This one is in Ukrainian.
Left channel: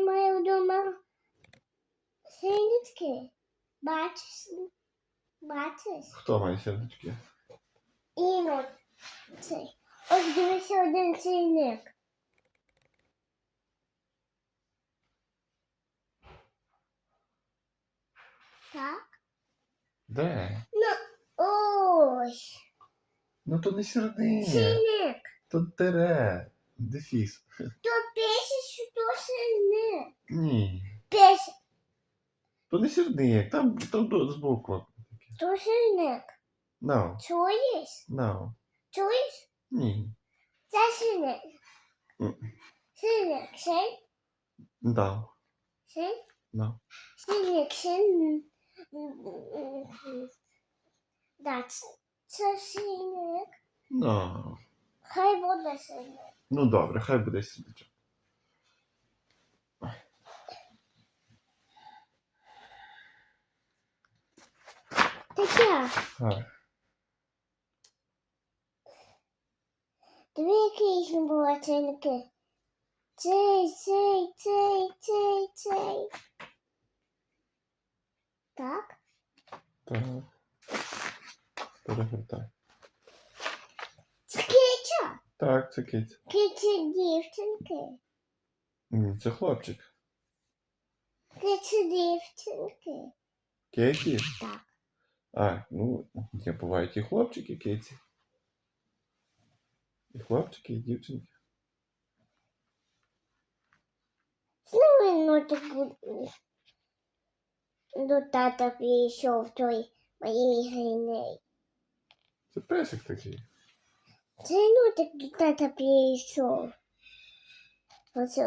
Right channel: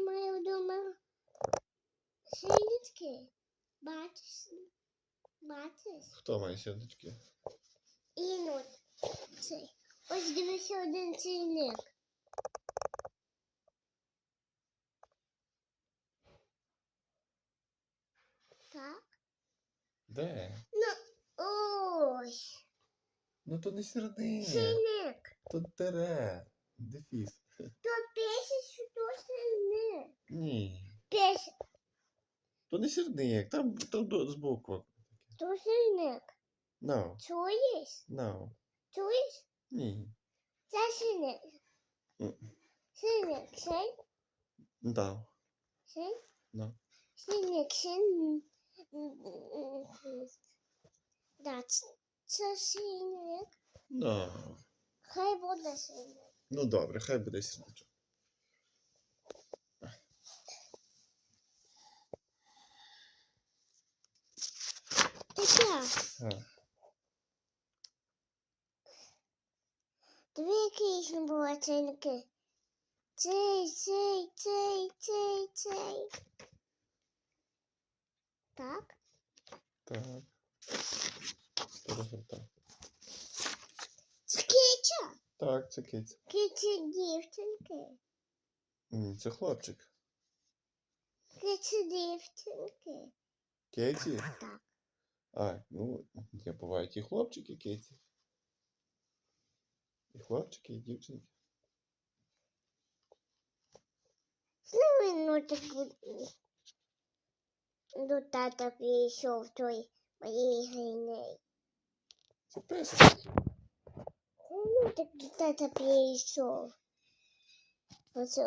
Маємо вдома синички. Бачиш? Бачиш? Хто має сердечки? Інот. Цей. Ось дивися один синник. Так. Де? Ось. Ну то не серединя. Синник. Тут тире. Дефіс. То пише, що то синник. Ні. Пише, То не серединя. Там, там до- збоку. то синник. No. Чуєш? No. Чуєш? Ні. Це. Мгм. Синник, син, Да. син. No. Синник, син. Так, це синник. No. Хай буде синник. Ну добре, хай буде сердечок. Таке. Так. Дві якісь не було цинки. Цей, цей, цей, цей, цей. Так? Так. Перевертай. Це киця. Так, це киця. Киця дівчинки. Ні, це хлопчик. Киця дівчинки. Кейті? Так. А, ну, є бувають і хлопчики, кейті. І хлопчики, і дівчинки. Ну, ну так до тата прийшов той моїй гриней. Це песик такий. Це ну так до тата прийшов. Оце